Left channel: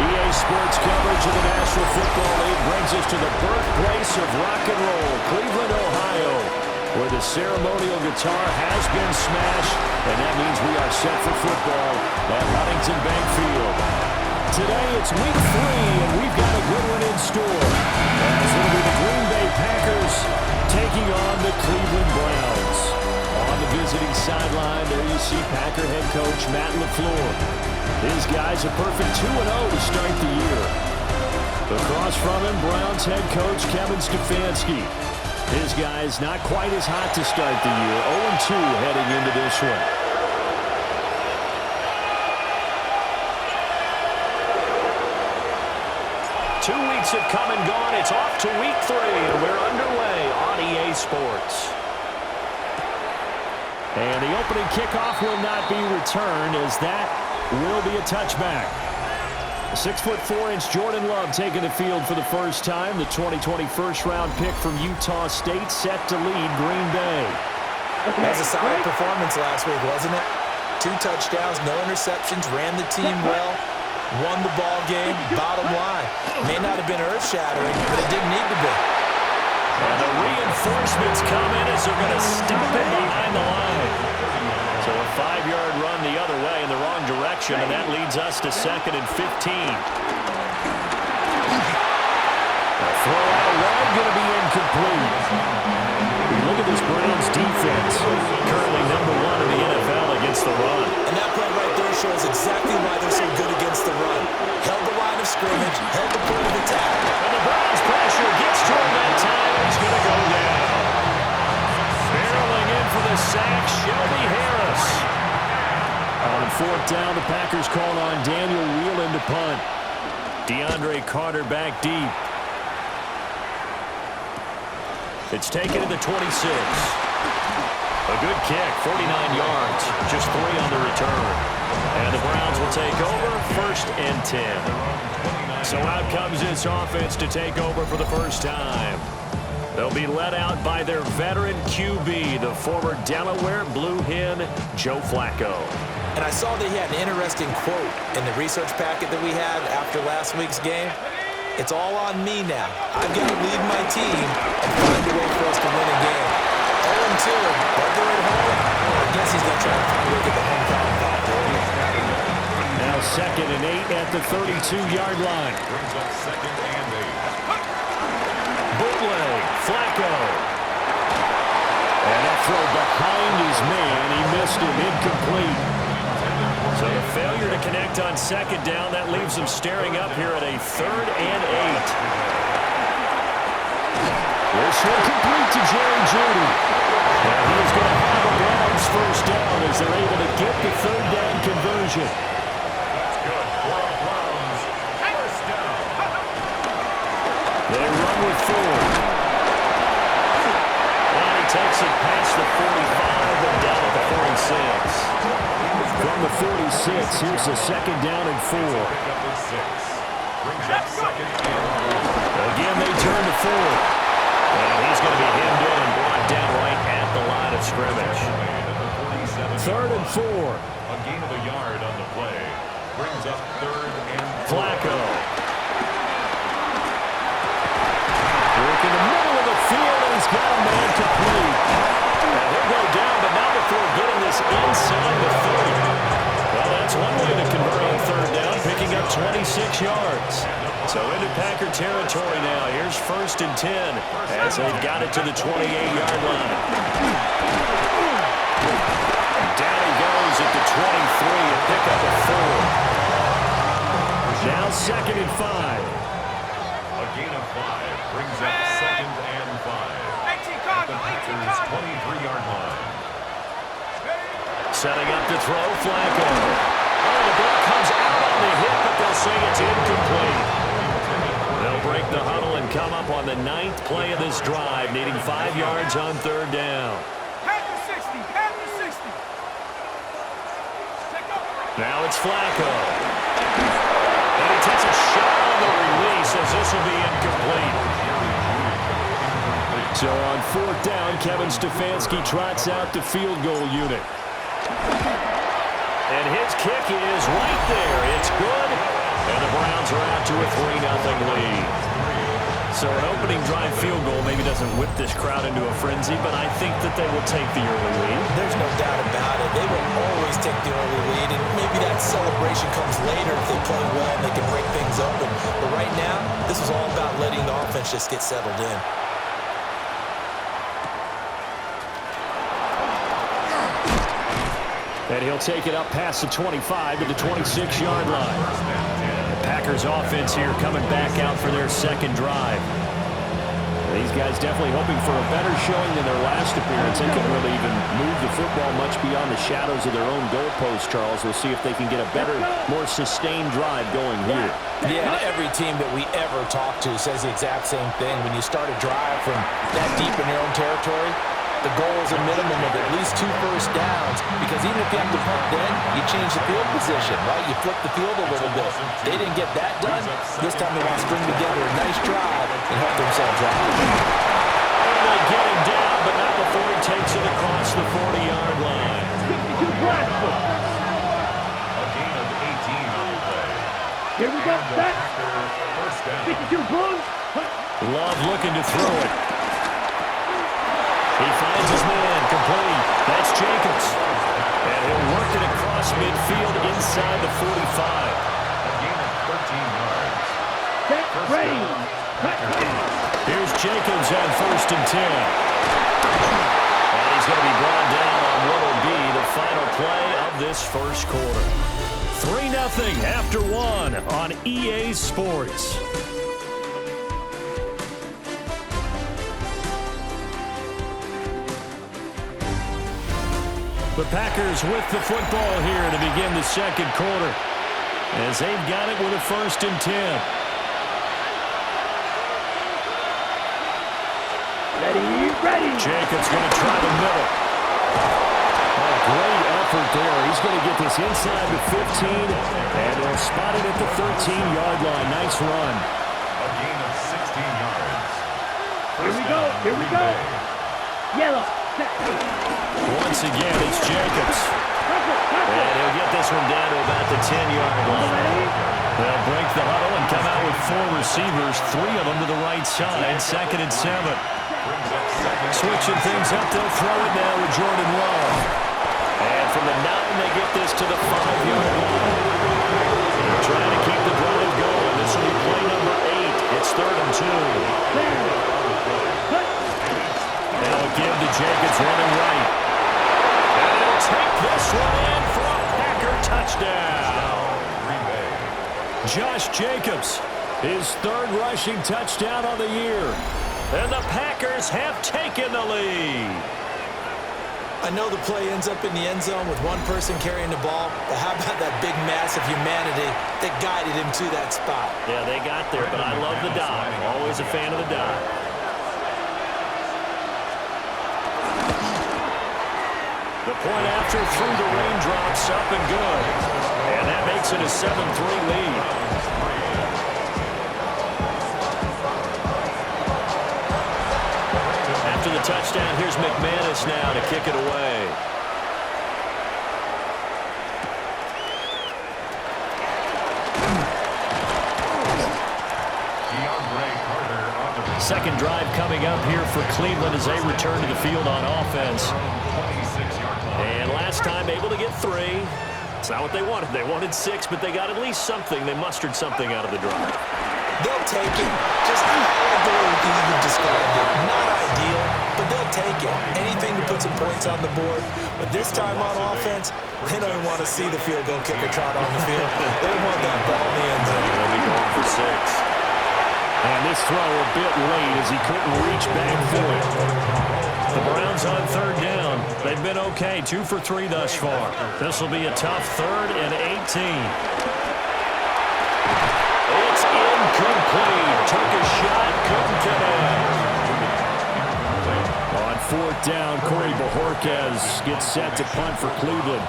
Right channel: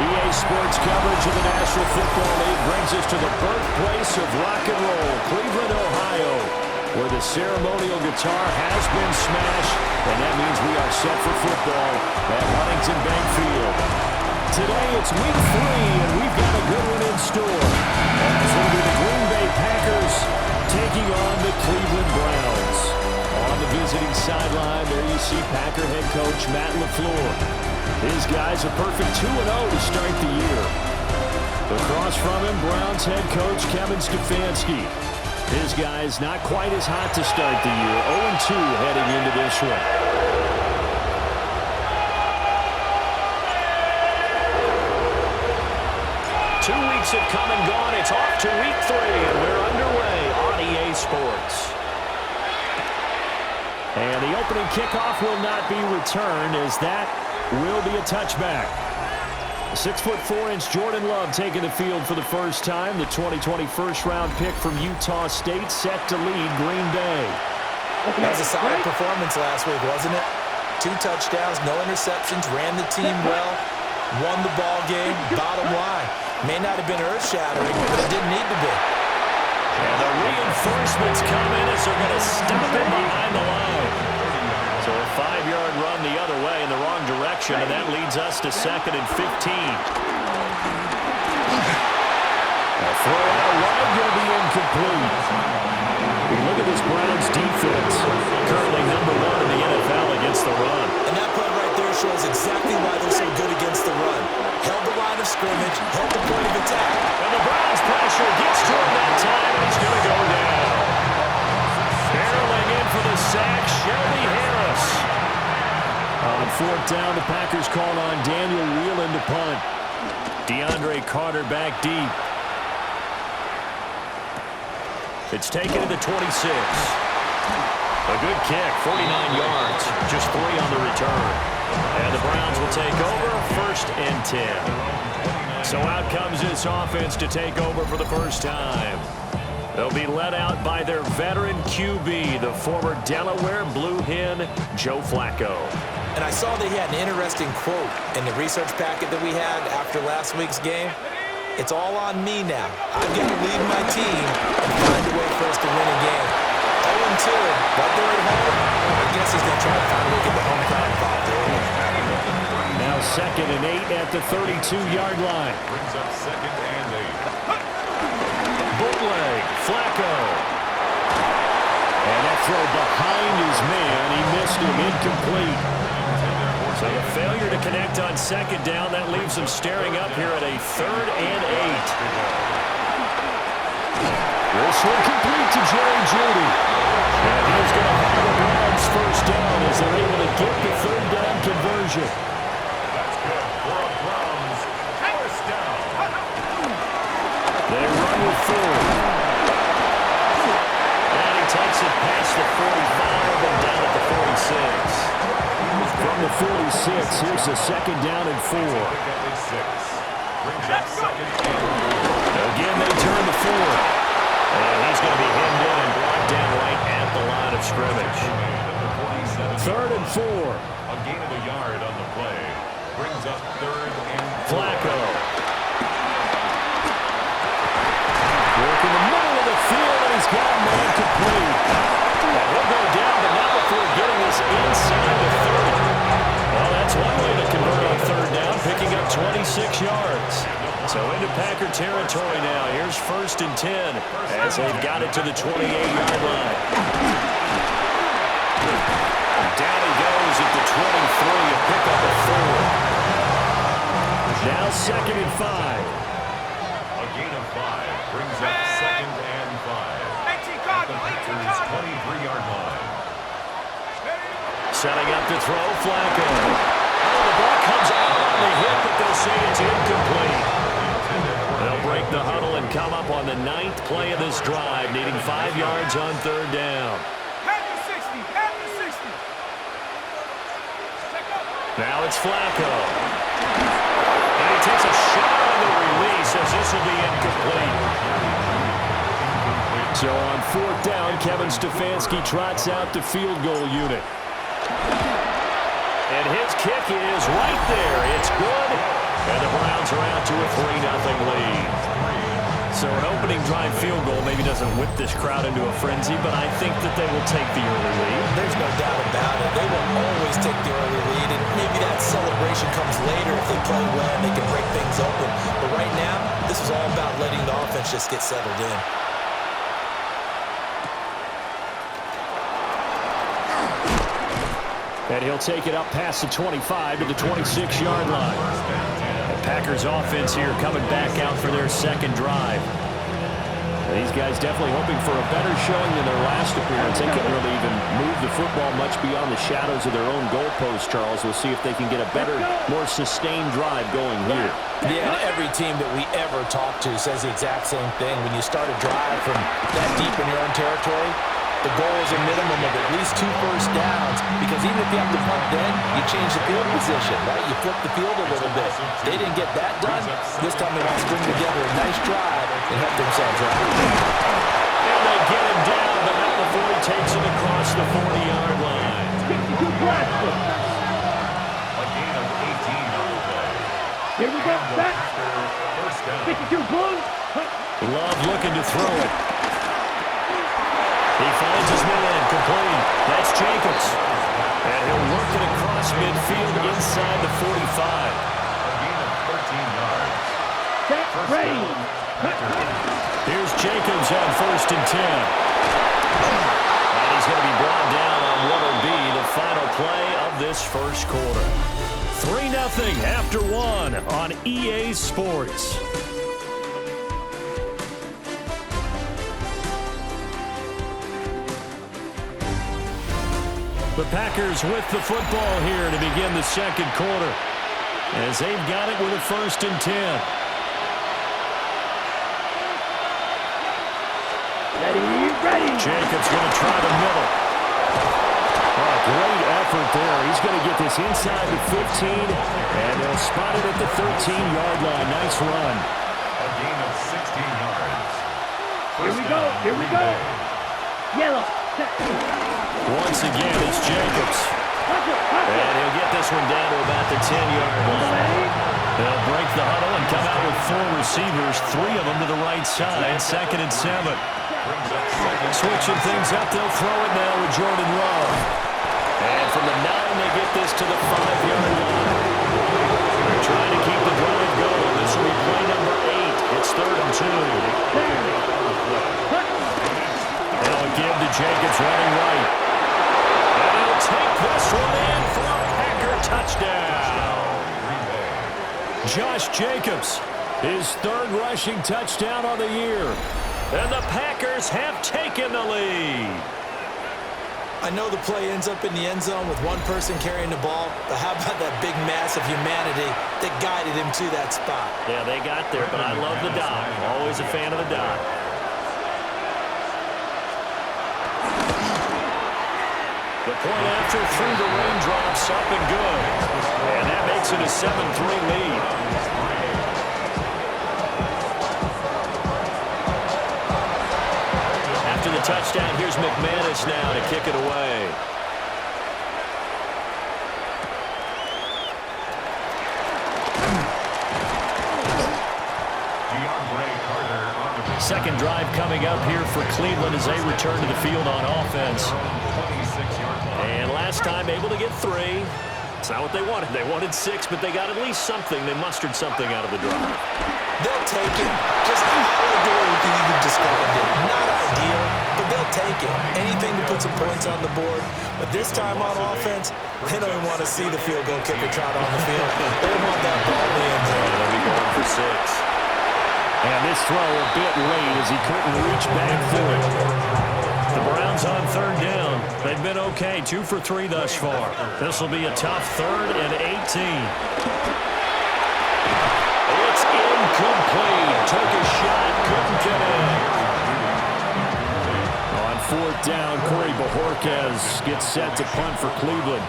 EA Sports coverage of the National Football League brings us to the birthplace of rock and roll, Cleveland, Ohio, where the ceremonial guitar has been smashed, and that means we are set for football at Huntington Bank Field. Today it's week 3, and we've got a good one in store, as it'll be the Green Bay Packers taking on the Cleveland Browns. On the visiting sideline, there you see Packer head coach Matt LaFleur. His guys a perfect 2-0 to start the year. Across from him, Browns head coach Kevin Stefanski. His guys not quite as hot to start the year, 0-2 heading into this one. Two weeks have come and gone. It's off to week 3, and we're underway on EA Sports. And the opening kickoff will not be returned, as that will be a touchback. 6'4" Jordan Love taking the field for the first time. The 2020 first-round pick from Utah State set to lead Green Bay. That was a solid performance last week, wasn't it? 2 touchdowns, no interceptions, ran the team well, won the ball game. Bottom line, may not have been earth-shattering, but it didn't need to be. And the reinforcements come in as they're going to stop him behind the line. So a 5-yard run the other way in the wrong direction, and that leads us to 2nd and 15. A throw out wide going to be incomplete. We look at this Browns defense, currently number 1 in the NFL against the run. And that play right there shows exactly why they're so good against the run. Held the line of scrimmage, held the point of attack. And the Browns pressure gets to him that time, and he's going to go down. Barreling in for the sack, Shelby Harris. On 4th down, the Packers called on Daniel Whelan to punt. DeAndre Carter back deep. It's taken to the 26. A good kick, 49 yards, just 3 on the return. And the Browns will take over, 1st and 10. So out comes this offense to take over for the first time. They'll be led out by their veteran QB, the former Delaware Blue Hen, Joe Flacco. And I saw that he had an interesting quote in the research packet that we had after last week's game. It's all on me now. I've got to lead my team and find a way for us to win a game. 0-2, but they're at home. I guess he's going to try to find a way to get the home crowd involved early. Now 2nd and 8 at the 32-yard line. Brings up 2nd and 8. Bootleg, Flacco. And that throw behind his man. He missed him, incomplete. So the failure to connect on 2nd down, that leaves them staring up here at a 3rd and 8. This one complete to Jerry Jeudy. And he's going to have a Browns first down as they're able to get the 3rd down conversion. That's good for a Browns first down. They run with 4. And he takes it past the 45 and down at the 46. From the 46, here's the 2nd down and 4. Again, they turn to 4. And he's going to be hemmed in and brought down right at the line of scrimmage. 3rd and 4. A gain of a yard on the play. Brings up 3rd and 4. Flacco. Work in the middle of the field, and he's got a man complete. And he'll go down, but not before getting this inside the 30. Well, that's one way to convert on 3rd down, picking up 26 yards. So into Packer territory now. Here's 1st and 10 as they've got it to the 28-yard line. Down he goes at the 23, a pickup of 4. Now 2nd and 5. A gain of 5 brings up 2nd and 5 at the Packers' 23-yard line. Setting up to throw, Flacco. Oh, the ball comes out on the hit, but they'll say it's incomplete. They'll break the huddle and come up on the 9th play of this drive, needing 5 yards on 3rd down. Now it's Flacco. And he takes a shot on the release as this will be incomplete. So on 4th down, Kevin Stefanski trots out the field goal unit. And his kick is right there. It's good. And the Browns Packers are out to a 3-0 lead. So an opening drive field goal maybe doesn't whip this crowd into a frenzy, but I think that they will take the early lead. There's no doubt about it. They will always take the early lead, and maybe that celebration comes later if they play well and they can break things open. But right now, this is all about letting the offense just get settled in. And he'll take it up past the 25 to the 26-yard line. The Packers offense here coming back out for their second drive. These guys definitely hoping for a better showing than their last appearance. They couldn't really even move the football much beyond the shadows of their own goalpost, Charles. We'll see if they can get a better, more sustained drive going here. Yeah, and every team that we ever talk to says the exact same thing. When you start a drive from that deep in your own territory, the goal is a minimum of at least 2 first downs, because even if you have to punt then, you change the field position, right? You flip the field a little bit. They didn't get that done. This time they want to string together a nice drive and help themselves out. And they get him down, but not before he takes it across the 40-yard line. A gain of 18 on the play. Here we go, set. First down. 52 Blues. Love looking to throw it. He finds his man, complete. That's Jacobs. And he'll work it across midfield inside the 45. A gain of 13 yards. Set, First ready. down. Packers. Here's Jacobs on 1st and 10. And he's going to be brought down on what will be the final play of this first quarter. 3-0 after 1 on EA Sports. The Packers with the football here to begin the second quarter, as they've got it with a 1st and 10. Ready. Jacobs going to try the middle. Oh, great effort there. He's going to get this inside the 15, and they'll spot it at the 13-yard line. Nice run. A gain of 16 yards. Here we go. Yellow. Set. Once again, it's Jacobs. And he'll get this one down to about the 10-yard line. They'll break the huddle and come out with 4 receivers, 3 of them to the right side, 2nd and 7. Switching things up, they'll throw it now with Jordan Love. And from the 9, they get this to the 5-yard line. They're trying to keep the drive going. This will be play number 8. It's 3rd and 2. They'll give to Jacobs running right. And he'll take this one in for a Packer touchdown. Josh Jacobs, his 3rd rushing touchdown on the year. And the Packers have taken the lead. I know the play ends up in the end zone with one person carrying the ball, but how about that big mass of humanity that guided him to that spot? Yeah, they got there, but I love the dive. Always a fan of the dive. The point after through the raindrops, up and good. And that makes it a 7-3 lead. After the touchdown, here's McManus now to kick it away. Second drive coming up here for Cleveland as they return to the field on offense. And last time able to get 3. It's not what they wanted. They wanted 6, but they got at least something. They mustered something out of the drive. They'll take it. Just I like the way you described it. Not ideal, but they'll take it. Anything to put some points on the board. But this time on offense, they don't even want to see the field goal kicker trot on the field. They want that ball in the end zone. They'll be going for 6. And this throw a bit late as he couldn't reach back for it. The Browns on 3rd down. They've been okay, 2 for 3 thus far. This will be a tough 3rd and 18. It's incomplete. Took a shot, couldn't connect. On 4th down, Corey Bojorquez gets set to punt for Cleveland.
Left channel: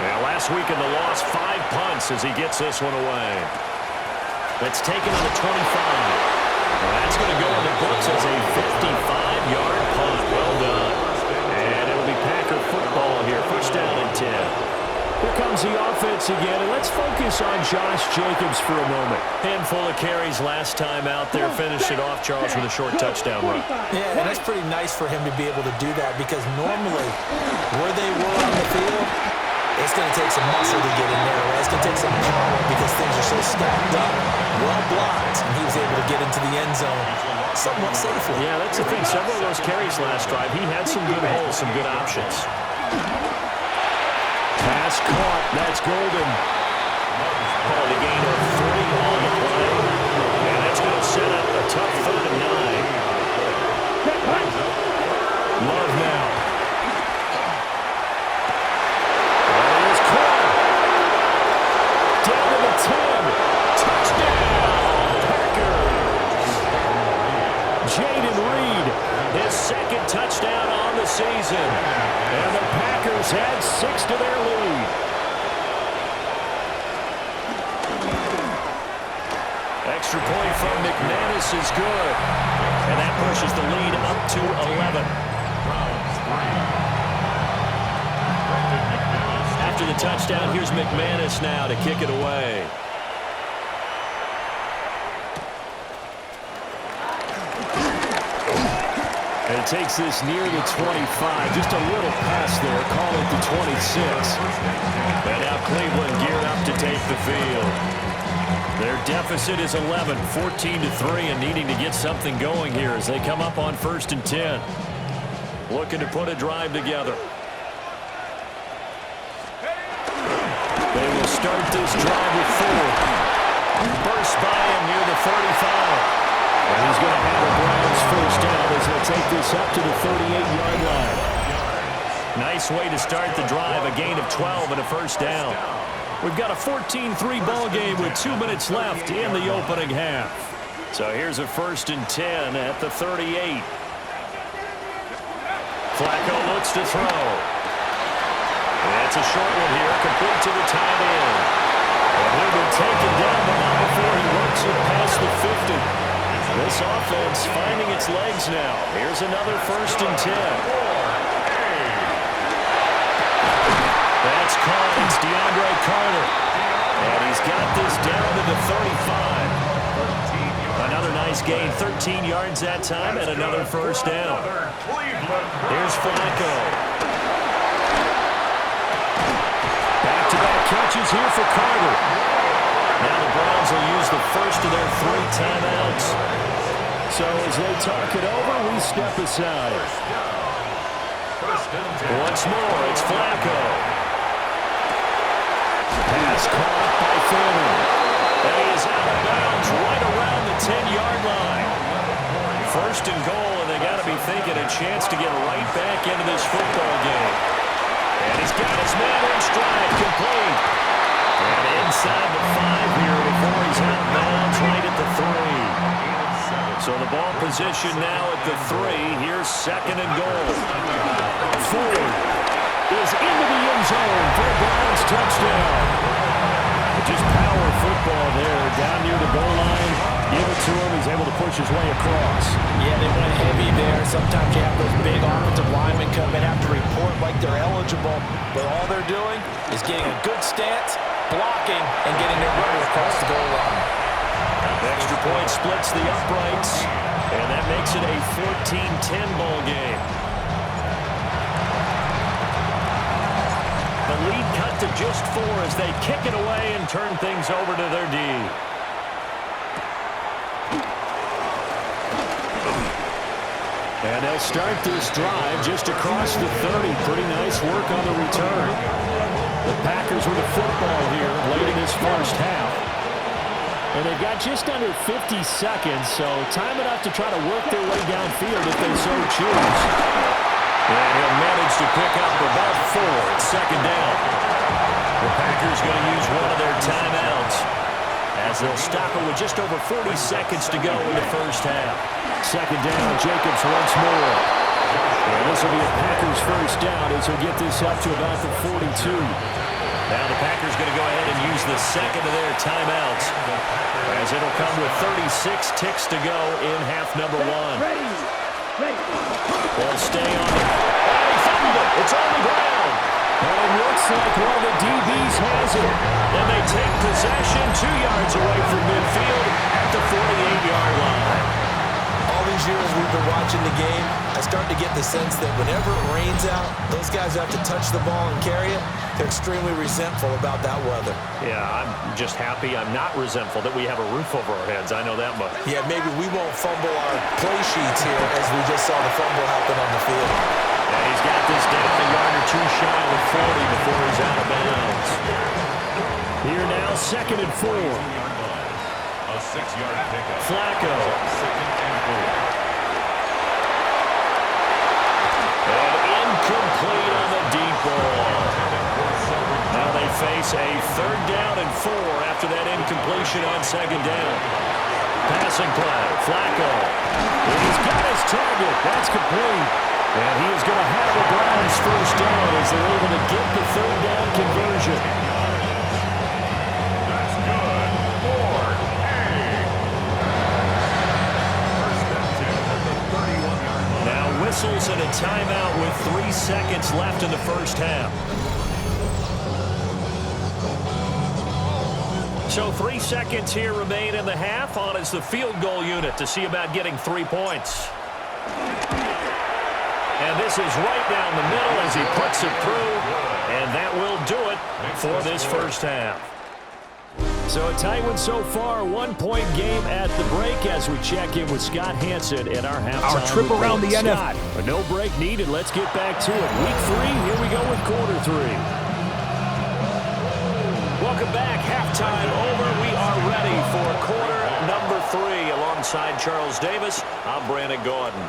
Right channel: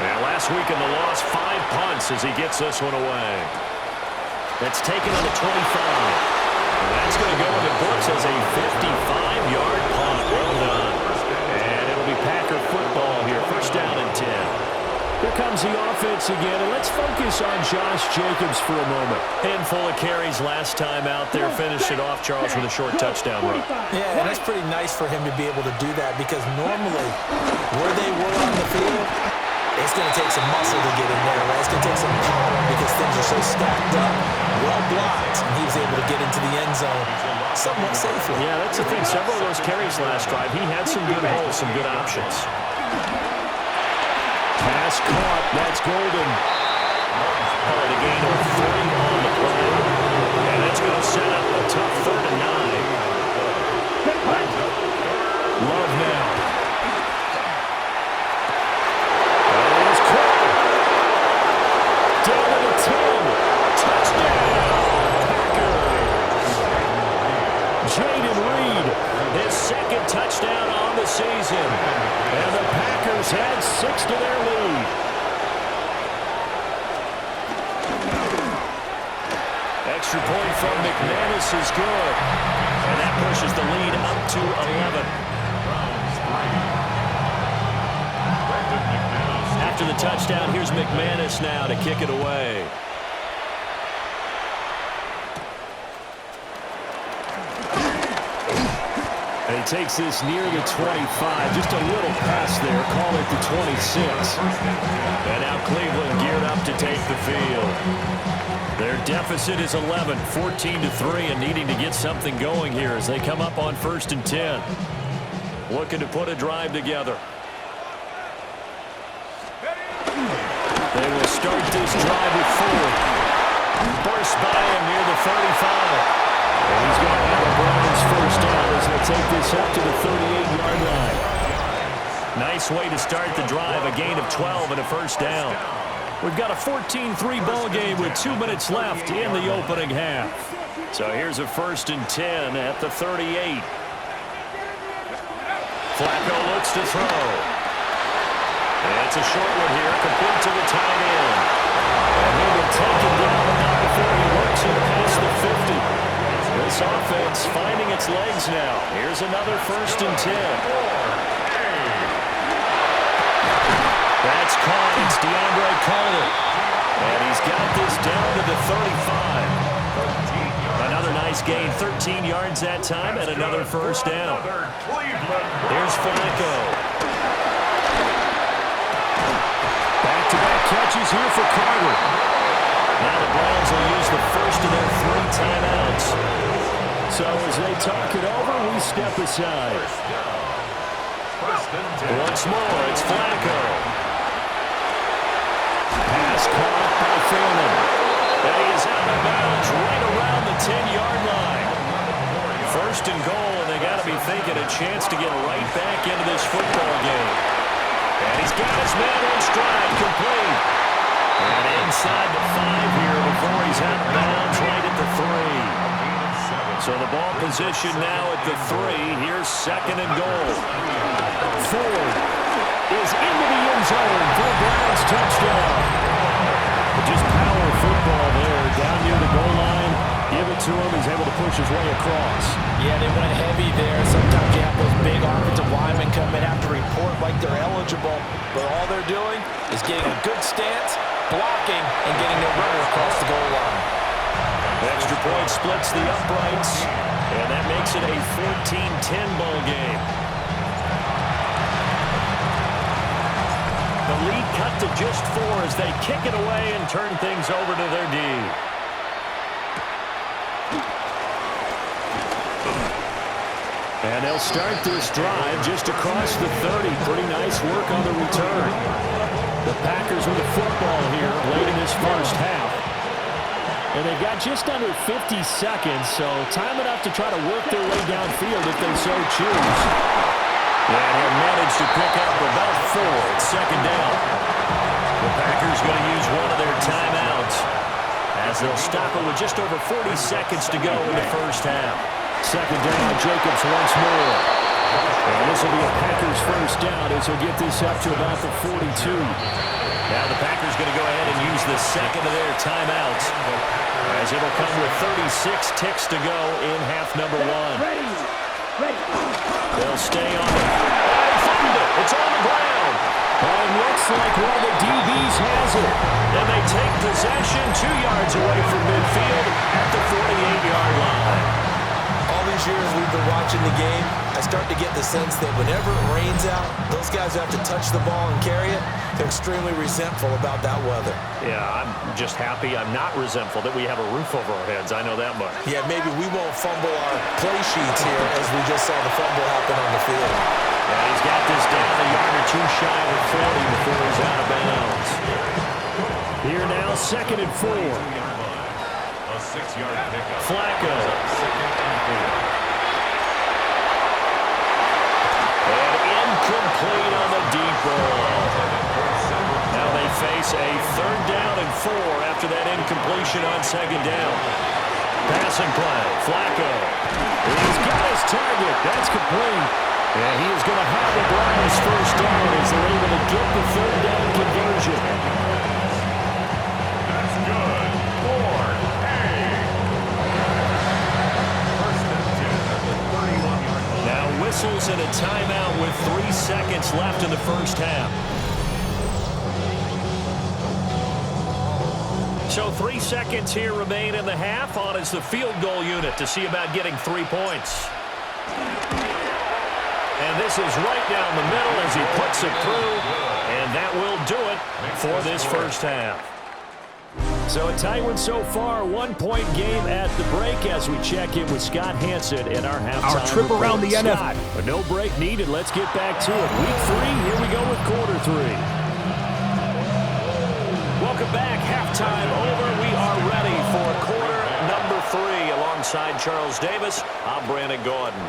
And last week in the loss, 5 punts as he gets this one away. That's taken on the 25. Well, that's going to go in the books as a 55-yard punt. Well done. And it'll be Packer football here. 1st down and 10. Here comes the offense again, and let's focus on Josh Jacobs for a moment. Handful of carries last time out there. Finished it off, Charles, with a short touchdown run. Yeah, and that's pretty nice for him to be able to do that because normally where they were on the field, it's going to take some muscle to get in there, right? It's going to take some power because things are so stacked up, well blocked, and he was able to get into the end zone somewhat safely. Yeah, that's the thing. Several of those carries last drive, he had some good holes, some good options. Pass caught. That's Golden. Called a gain of 3 on the play. And that's going to set up a tough 3rd and 9. Love now. That is caught. Down to the 10. Touchdown, Packers. Jaden Reed, his 2nd touchdown on the season. And the Packers had 6 to their lead. Extra point from McManus is good. And that pushes the lead up to 11. After the touchdown, here's McManus now to kick it away. And he takes this near the 25. Just a little pass there. Call it the 26. And now Cleveland geared up to take the field. Their deficit is 11, 14-3, and needing to get something going here as they come up on 1st and 10. Looking to put a drive together. They will start this drive with 4. Burst by him near the 35. And he's going to have a Browns first down as they'll take this up to the 38-yard line. Nice way to start the drive, a gain of 12 and a first down. We've got a 14-3 ball game with 2 minutes left in the opening half. So here's a 1st and 10 at the 38. Flacco looks to throw. It's a short one here, complete to the tight end. And he'll be taken down, but not before he works it past the 50. This offense finding its legs now. Here's another 1st and 10. That's caught. It's DeAndre Carter. And he's got this down to the 35. Another nice gain. 13 yards that time and another first down. Here's Flacco. Back-to-back catches here for Carter. Now the Browns will use the first of their 3 timeouts. So as they talk it over, we step aside. Once more, it's Flacco. Pass caught by Fannin. And he is out of bounds right around the 10-yard line. 1st and goal, and they got to be thinking a chance to get right back into this football game. And he's got his man in stride, complete. And inside the 5 here before he's out of bounds right at the 3. So the ball position now at the 3. Here's 2nd and goal. Ford is into the end zone for a Browns touchdown. Just power football there down near the goal line. Give it to him. He's able to push his way across. Yeah, they went heavy there. Sometimes you have those big offensive linemen come in, have to report like they're eligible. But all they're doing is getting a good stance, blocking, and getting their runner across the goal line. Extra point splits the uprights, and that makes it a 14-10 ball game. The lead cut to just 4 as they kick it away and turn things over to their D. And they'll start this drive just across the 30. Pretty nice work on the return. The Packers with the football here late in this first half. And they've got just under 50 seconds, so time enough to try to work their way downfield if they so choose. And he'll manage to pick up about 4. It's 2nd down. The Packers going to use one of their timeouts as they'll stop it with just over 40 seconds to go in the first half. 2nd down, Jacobs once more. And this will be a Packers first down as he'll get this up to about the 42. Now the Packers going to go ahead and use the 2nd of their timeouts as it'll come with 36 ticks to go in half number 1. Ready. They'll stay on it. And he fumbled it. It's on the ground. But it looks like one of the DBs has it. And they take possession 2 yards away from midfield at the 48-yard line. All these years we've been watching the game, I start to get the sense that whenever it rains out, those guys who have to touch the ball and carry it, they're extremely resentful about that weather. Yeah, I'm just happy I'm not resentful that we have a roof over our heads. I know that much. Yeah, maybe we won't fumble our play sheets here as we just saw the fumble happen on the field. And he's got this down a yard or two shy of the 40 before he's out of bounds. Here now, 2nd and 4. A 6-yard pickup. Flacco. 2nd and 4. And incomplete on the deep ball. Now they face a 3rd down and 4 after that incompletion on 2nd down. Passing play, Flacco. He's got his target. That's complete. And he is going to have the Browns first down as they're able to get the 3rd down conversion. That's good. 4-8. First and 10 at the 31-yard line. Now whistles and a timeout with 3 seconds left in the first half. So 3 seconds here remain in the half. On is the field goal unit to see about getting 3 points. And this is right down the middle as he puts it through. And that will do it for this first half. So a tight one so far. 1-point game at the break as we check in with Scott Hansen at our halftime Our trip report. around the Scott, NFL. No break needed. Let's get back to it. Week 3, here we go with quarter 3. Welcome back. Halftime over. We are ready for quarter number 3. Alongside Charles Davis, I'm Brandon Gordon.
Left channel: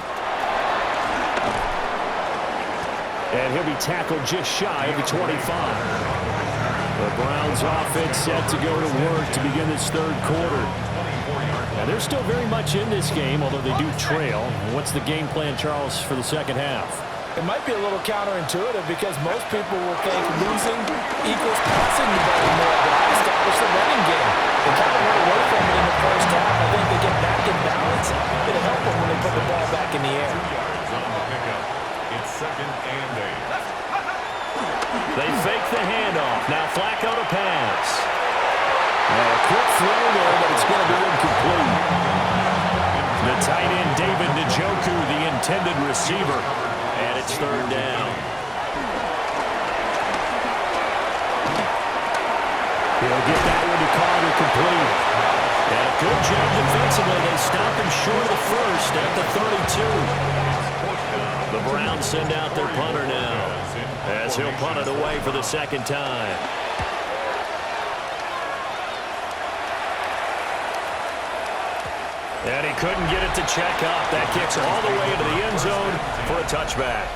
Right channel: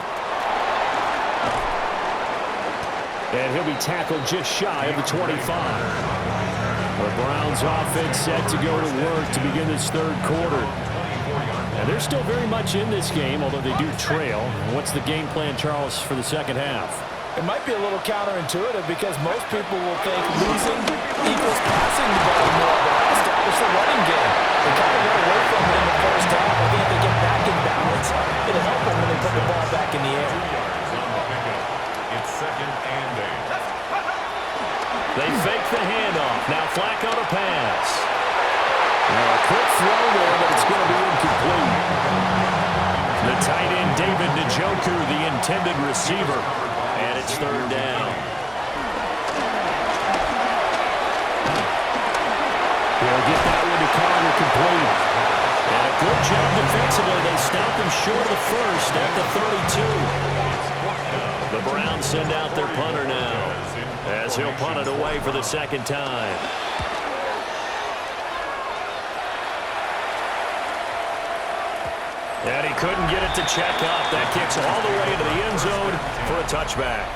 And he'll be tackled just shy of the 25. The Browns offense set to go to work to begin this 3rd quarter. And they're still very much in this game, although they do trail. What's the game plan, Charles, for the 2nd half? It might be a little counterintuitive because most people will think losing equals passing the ball more, but I established the running game. They kind of went away from it in the first half. I think if they get back in balance, it'll help them when they put the ball back in the air. 2 yards on the pickup. It's 2nd and 8. They fake the handoff. Now Flacco to pass. A quick throw there, but it's going to be incomplete. The tight end, David Njoku, the intended receiver. And it's 3rd down. He'll get that one to Carter complete. And a good job defensively. They stop him short of the first at the 32. The Browns send out their punter now as he'll punt it away for the 2nd time. And he couldn't get it to check up. That kicks all the way into the end zone for a touchback.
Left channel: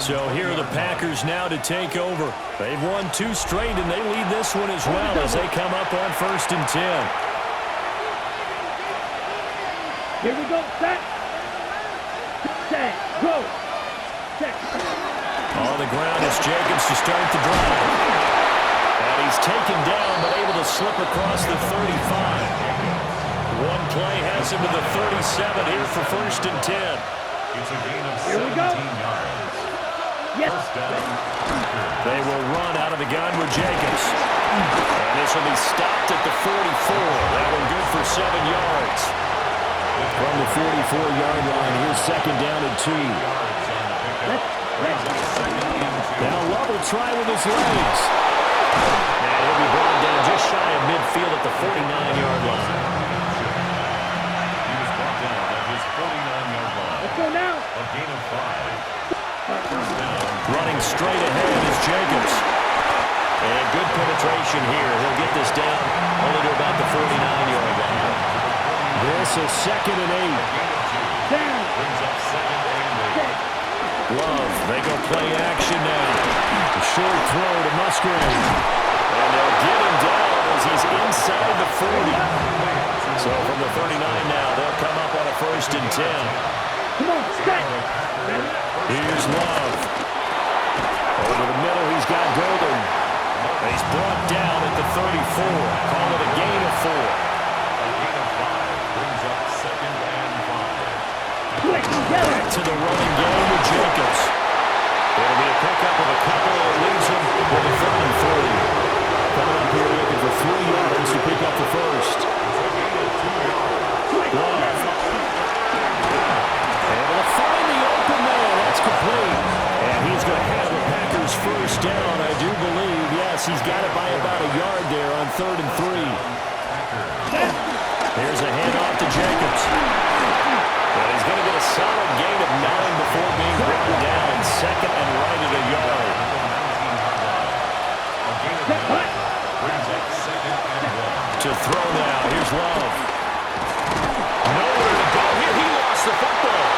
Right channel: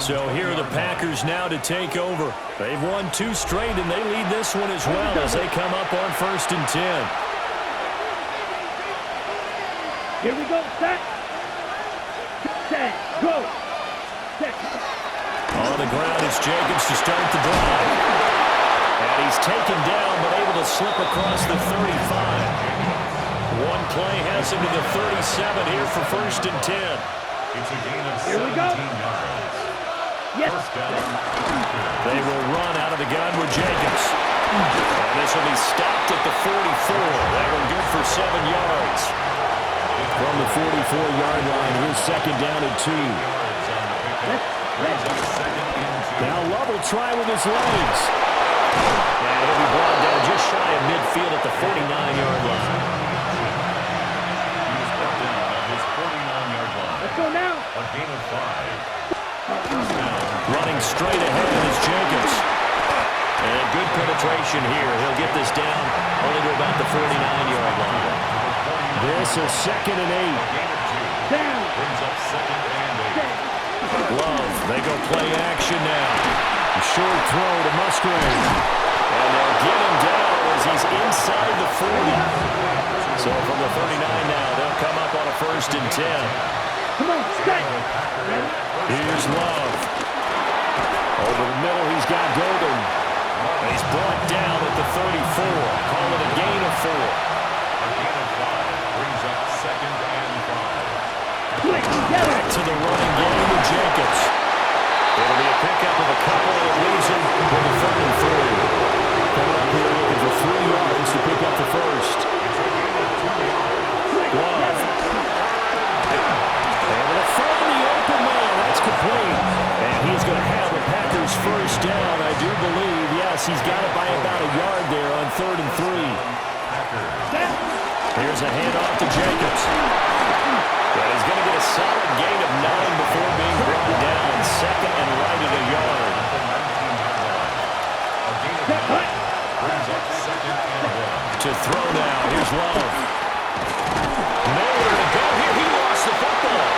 So here are the Packers now to take over. They've won 2 straight, and they lead this one as well as they come up on 1st and 10. Here we go. Set. Set. Go. Set. On the ground is Jacobs to start the drive. And he's taken down but able to slip across the 35. One play has him to the 37 here for 1st and 10. It's a gain of 17 Here we go. yards. Yes. First down. They will run out of the gun with Jacobs. And this will be stopped at the 44. That one good for 7 yards. From the 44-yard line, here's 2nd down and 2. Yards on the pickup. Brings up 2nd and 2. Now Love will try with his legs. And he'll be brought down just shy of midfield at the 49-yard line. He was brought down at his 49-yard line. Let's go now. A gain of 5. First down. Running straight ahead is Jacobs. And good penetration here. He'll get this down only to about the 49-yard line. This is 2nd and 8. A gain of 2. Down. Brings up 2nd and 8. Love, they go play action now. A short throw to Musgrave. And they'll get him down as he's inside the 40. So from the 39 now, they'll come up on a 1st and 10. Come on. Set. Here's Love. Over the middle, he's got Golden. He's brought down at the 34. Call it a gain of 4. A gain of 5 brings up 2nd and 5. Back to the running game with Jacobs. It'll be a pickup of a couple, and it leaves them with a 3rd and 3. Coming up here looking for 3 yards to pick up the first. Love. Able to find the open man. That's complete. And he's going to have a Packers first down, I do believe. Yes, he's got it by about a yard there on 3rd and 3. Here's a handoff to Jacobs. But he's going to get a solid gain of 9 before being brought down. 2nd and right at a yard. Brings up 2nd and 1. To throw now. Here's Love. Nowhere to go here. He lost the football.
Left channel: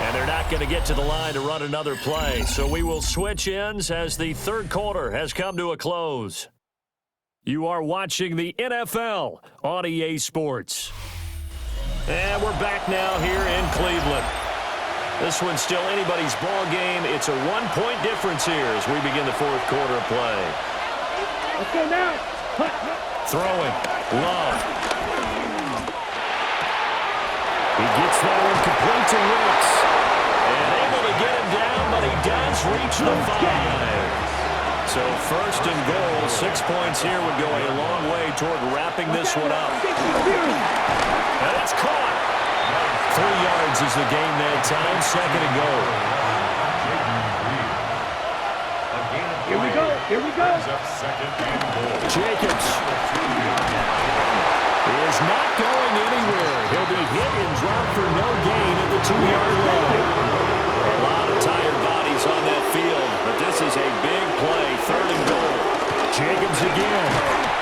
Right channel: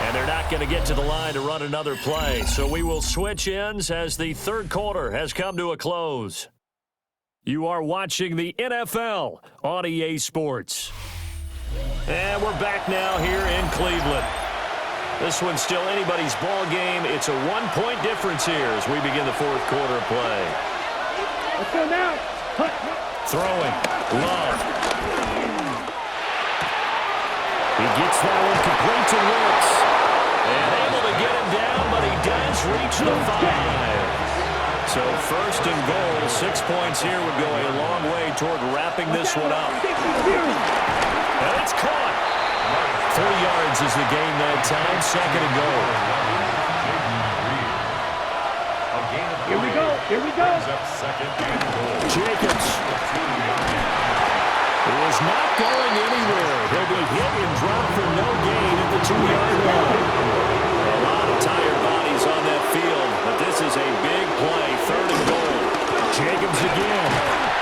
And they're not going to get to the line to run another play. So we will switch ends as the 3rd quarter has come to a close. You are watching the NFL on EA Sports. And we're back now here in Cleveland. This one's still anybody's ball game. It's a 1-point difference here as we begin the 4th quarter of play. Let's go now. Throwing. Love. He gets that one complete to Wicks. And able to get him down, but he does reach the 5. So 1st and goal, 6 points here would go a long way toward wrapping this one up. And it's caught. 3 yards is the gain that time. 2nd and goal. Here we go. Here we go. Brings up 2nd and goal. Jacobs. He is not going anywhere. He'll be hit and dropped for no gain at the 2-yard line. A lot of tired bodies on that field, but this is a big play. 3rd and goal. Jacobs again.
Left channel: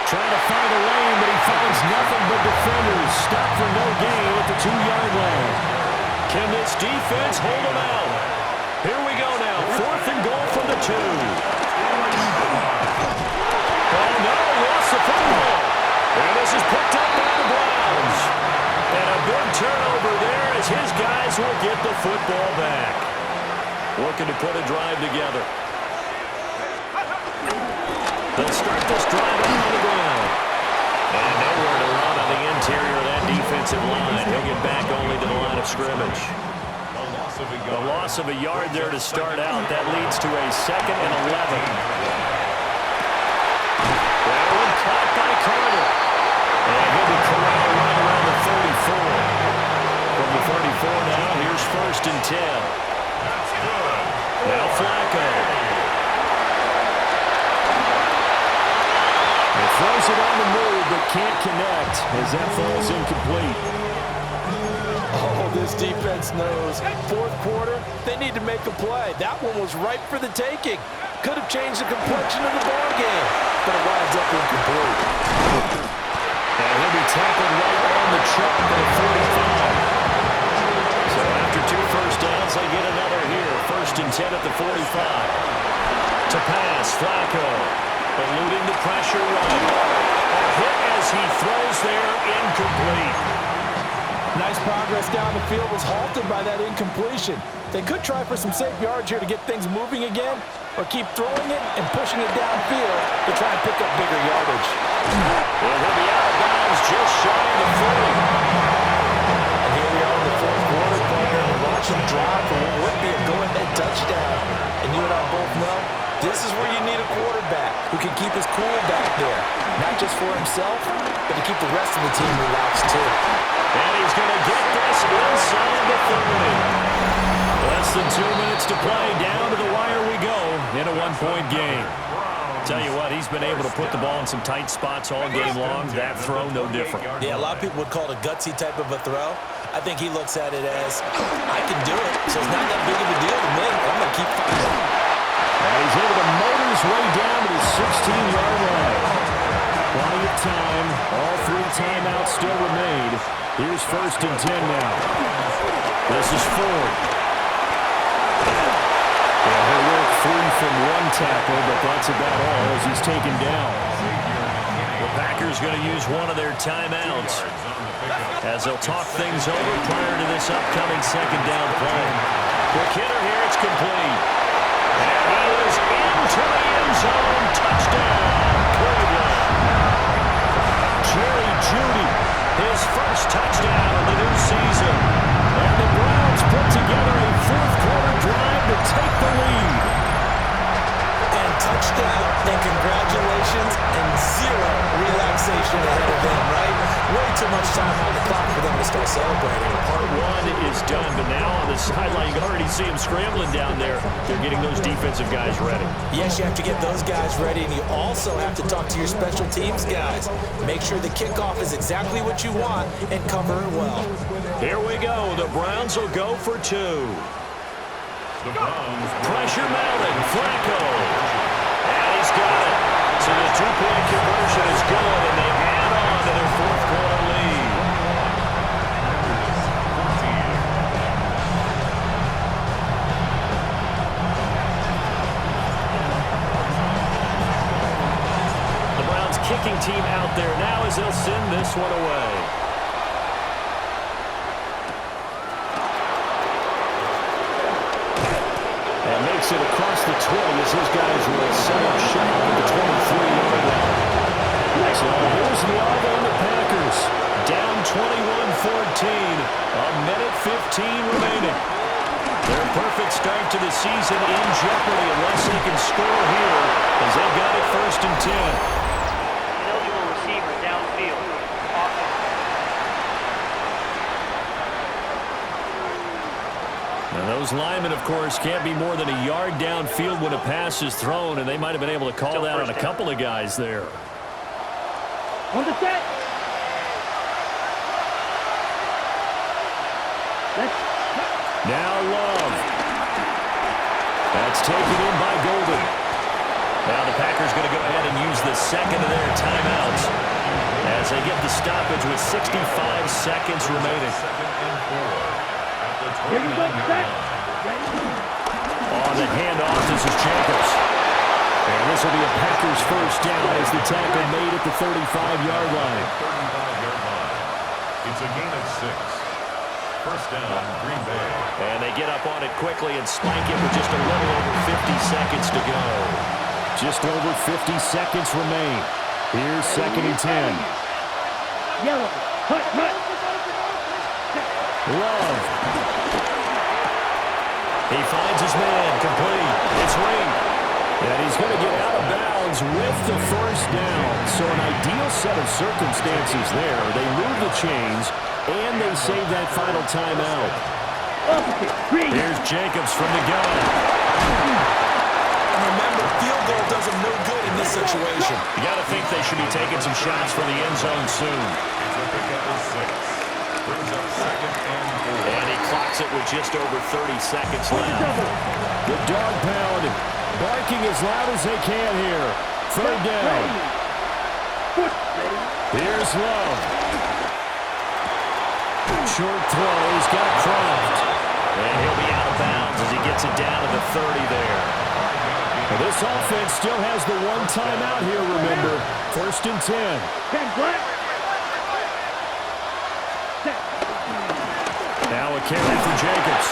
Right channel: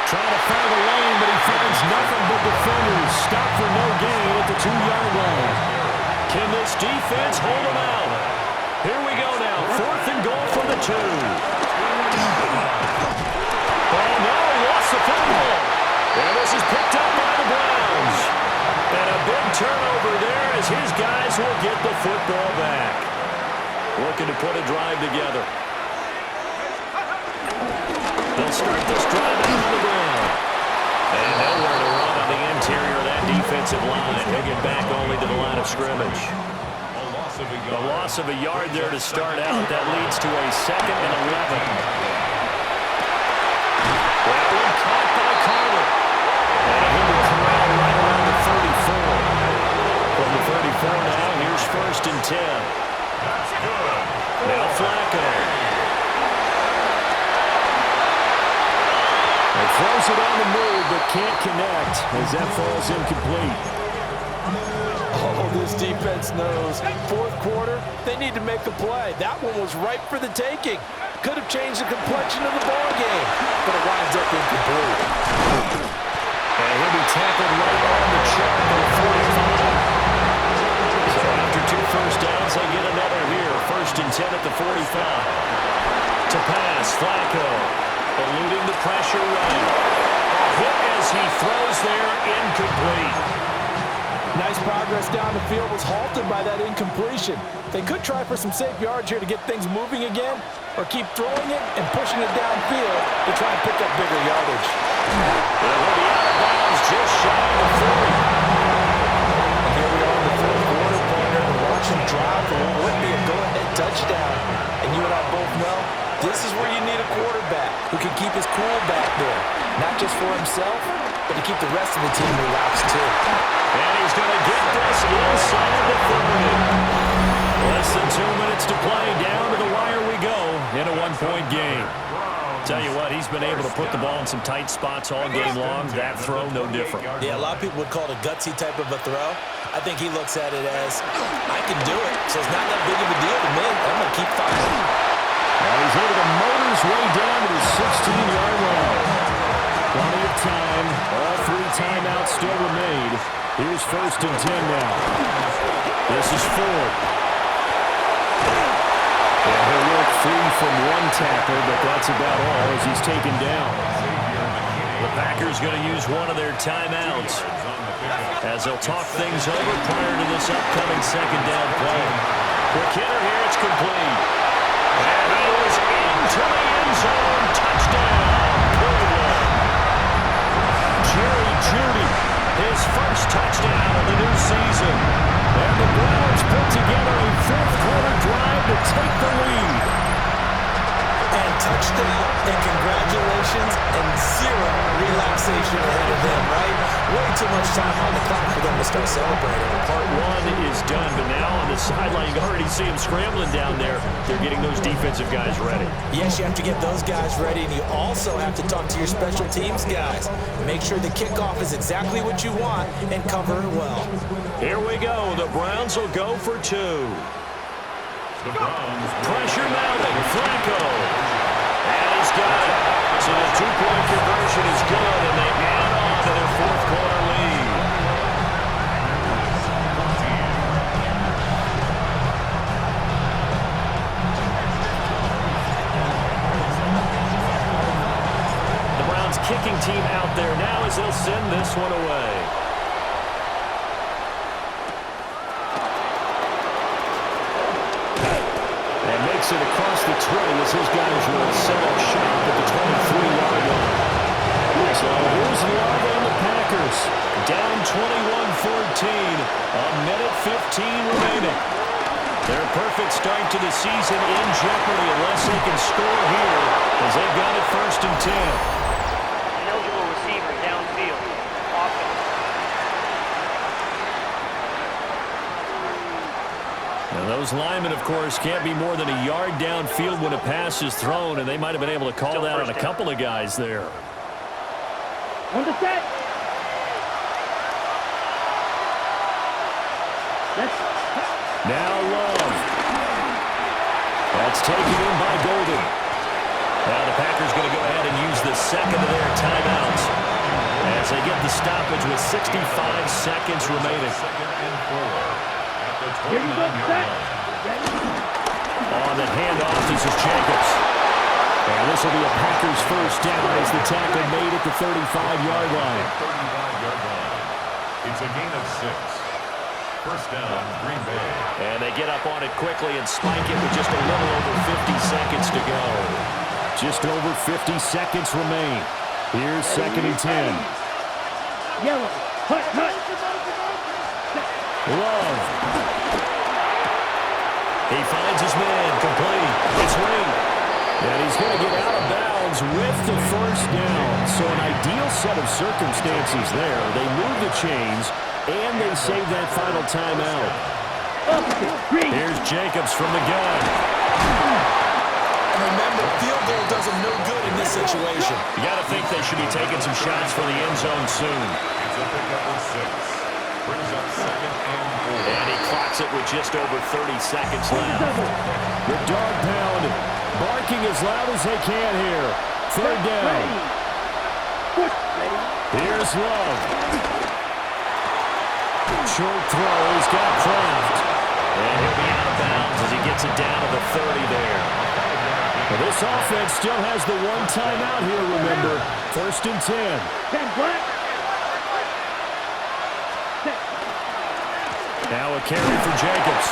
Trying to find a lane, but he finds nothing but defenders. Stop for no gain at the 2-yard line. Can this defense hold him out? Here we go now. 4th and goal from the 2. Oh, no, he lost the football. And this is picked up by the Browns. And a big turnover there as his guys will get the football back. Looking to put a drive together. They'll start this drive out on the ground. And nowhere to run on the interior of that defensive line. He'll get back only to the line of scrimmage. A loss of a yard there to start out. That leads to a 2nd and 11. That one caught by Carter. And he'll be corralled right around the 34. From the 34 now, here's 1st and 10. That's good. Now Flacco. He throws it on the move, but can't connect as that falls incomplete. Oh, this defense knows. 4th quarter, they need to make a play. That one was ripe for the taking. Could have changed the complexion of the ball game, but it winds up incomplete. And he'll be tackled right on the chalk at 45. So after 2 first downs, they get another here. 1st and 10 at the 45. To pass, Flacco. Eluding the pressure run. A hit as he throws there, incomplete. Nice progress down the field was halted by that incompletion. They could try for some safe yards here to get things moving again, or keep throwing it and pushing it downfield to try and pick up bigger yardage. And he'll be out of bounds just shy of the 40. And here we are in the 4th quarter, partner, and watch him drive for what would be a go-ahead touchdown. And you and I both know this is where you need a quarterback who can keep his cool back there, not just for himself, but to keep the rest of the team relaxed too. And he's going to get this inside the 30. Less than 2 minutes to play. Down to the wire we go in a 1-point game. Tell you what, he's been able to put the ball in some tight spots all game long. That throw, no different. Yeah, a lot of people would call it a gutsy type of a throw. I think he looks at it as, I can do it, so it's not that big of a deal to me. I'm going to keep fighting. And he's able to motor his way down to the 16-yard line. Plenty of time. All 3 timeouts still remain. Here's 1st and 10 now. This is Ford. And he'll work free from 1 tackle, but that's about all as he's taken down. The Packers going to use one of their timeouts as they'll talk things over prior to this upcoming 2nd down play. Quick hitter here, it's complete. And he is into the end zone. Touchdown, Cleveland. Jerry Jeudy, his first the lead. And touchdown, and congratulations, and zero relaxation ahead of them, right? Way too much time on the clock for them to start celebrating. Part one is done, but now on the sideline, you can already see them scrambling down there. They're getting those defensive guys ready. Yes, you have to get those guys ready, and you also have to talk to your special teams guys. Make sure the kickoff is exactly what you want and cover it well. Here we go. The Browns will go for two. The Browns Pressure mounting. Flacco. And he's got it. So the two-point conversion is good, and they add on to their fourth-quarter lead. The Browns kicking team out there now as they'll send this one away. And makes it across the 20 as his guys will set up shop at the 23-yard line. So here's Love and the Packers. Down 21-14. A minute 15 remaining. Their perfect start to the season in jeopardy unless they can score here as they've got it 1st and 10. Ineligible receiver downfield. Offense. And those linemen, of course, can't be more than a yard downfield when a pass is thrown, and they might have been able to call that on a couple of guys there. On the set. Now Love. That's taken in by Golden. Now the Packers going to go ahead and use the second of their timeouts as they get the stoppage with 65 seconds remaining. Second and 4 at the 29-yard line. On the handoff, this is Jacobs. And this will be a Packers first down as the tackle made at the 35-yard line. 35-yard line. It's a gain of 6. First down, Green Bay. And they get up on it quickly and spike it with just a little over 50 seconds to go. Just over 50 seconds remain. Here's 2nd and 10. Yellow. Hut. Love. He finds his man. Complete. It's Ring. And he's going to get out of bounds with the first down. So an ideal set of circumstances there. They move the chains, and they save that final timeout. Here's Jacobs from the gun. And remember, field goal does them no good in this situation. You got to think they should be taking some shots for the end zone soon. It's a pickup of 6. Brings up 2nd and 4. And he clocks it with just over 30 seconds left. The dog pound barking as loud as they can here. 3rd down. Here's Love. Short throw. He's got Kraft. And he'll be out of bounds as he gets it down to the 30 there. Well, this offense still has the one timeout here, remember. 1st and 10. Now a carry for Jacobs.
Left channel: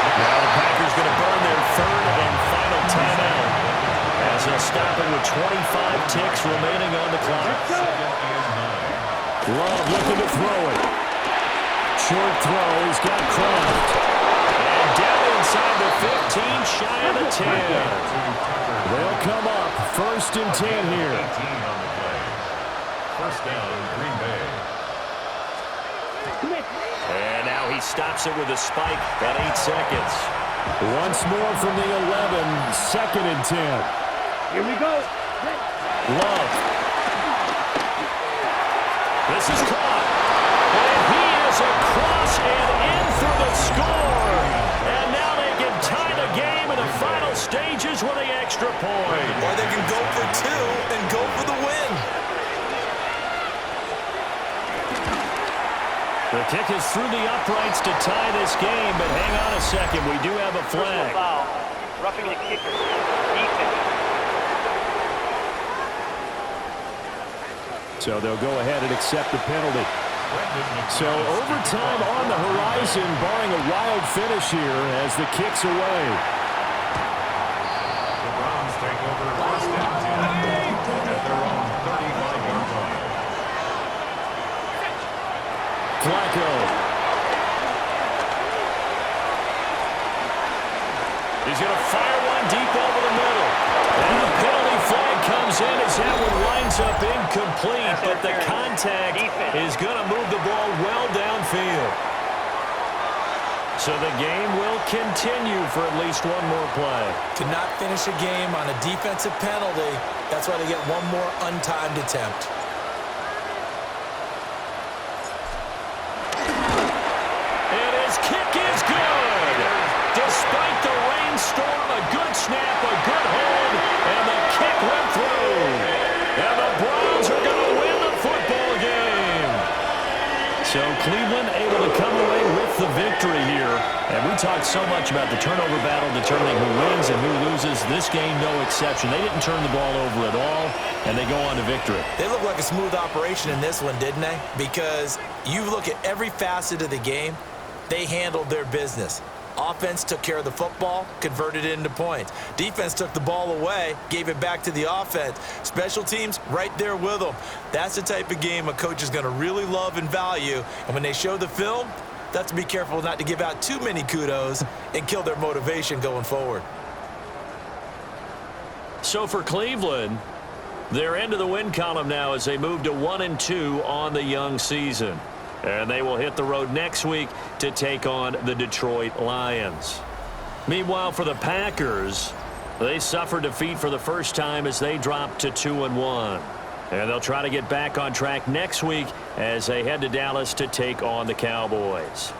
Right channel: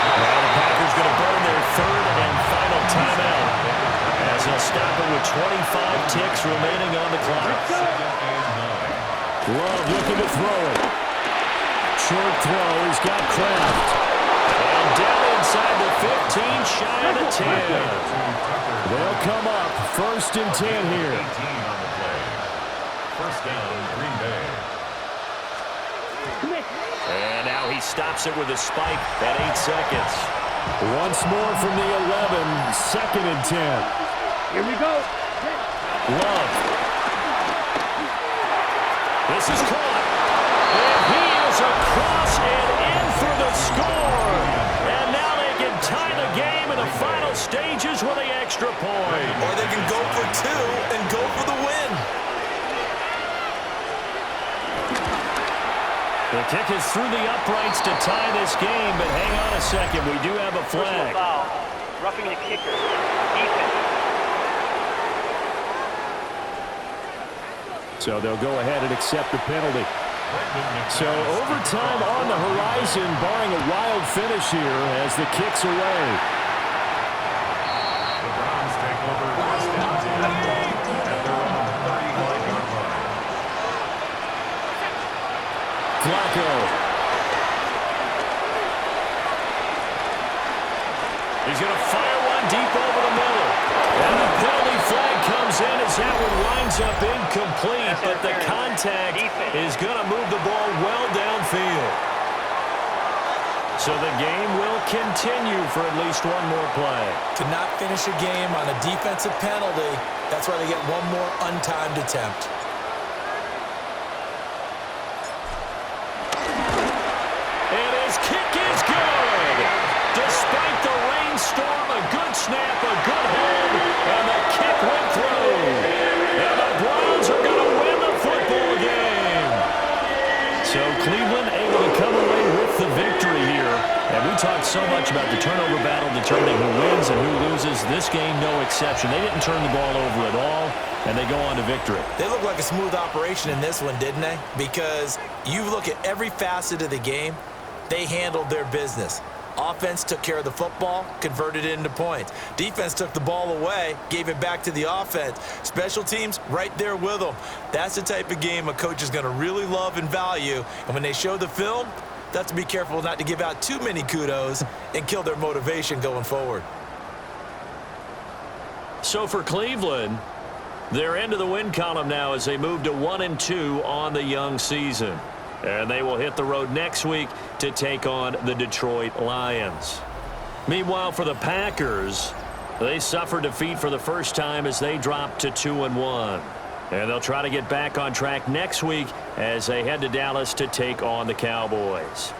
Now the Packers going to burn their 3rd and final timeout as they'll stop it with 25 ticks remaining on the clock. 2nd and 9. Love looking to throw it. Short throw. He's got Kraft. And down inside the 15, shy of the 10. They'll come up 1st and 10 here. 18 on the play. First down, Green Bay. And now he stops it with a spike at 8 seconds. Once more from the 11, 2nd and 10. Here we go. Love. This is caught. And he is across and in for the score. And now they can tie the game in the final stages with the extra point. Or they can go for 2 and go for the win. The kick is through the uprights to tie this game, but hang on a second. We do have a flag. Personal foul. Roughing the kicker. Defense. So they'll go ahead and accept the penalty. So overtime on the horizon, barring a wild finish here as the kick's away. The Browns take over 1st and 10 at their own 35-yard line. Flacco. He's going to fire one deep over the middle. And a penalty flag comes in as that one winds up incomplete, but the contact is going to move the ball well downfield. So the game will continue for at least one more play. To not finish a game on a defensive penalty, that's why they get one more untimed attempt. And his kick is good. Despite the rainstorm, a good snap, a good hold, and the kick went through. And the Browns are going to win the football game. So Cleveland able to come away with the victory here. And we talked so much about the turnover battle determining who wins and who loses. This game, no exception. They didn't turn the ball over at all, and they go on to victory. They look like a smooth operation in this one, didn't they? Because you look at every facet of the game, they handled their business. Offense took care of the football, converted it into points. Defense took the ball away, gave it back to the offense. Special teams, right there with them. That's the type of game a coach is going to really love and value. And when they show the film, they have to be careful not to give out too many kudos and kill their motivation going forward. So for Cleveland, they're into the win column now as they move to 1-2 on the young season. And they will hit the road next week to take on the Detroit Lions. Meanwhile, for the Packers, they suffered defeat for the first time as they dropped to 2-1. And they'll try to get back on track next week as they head to Dallas to take on the Cowboys.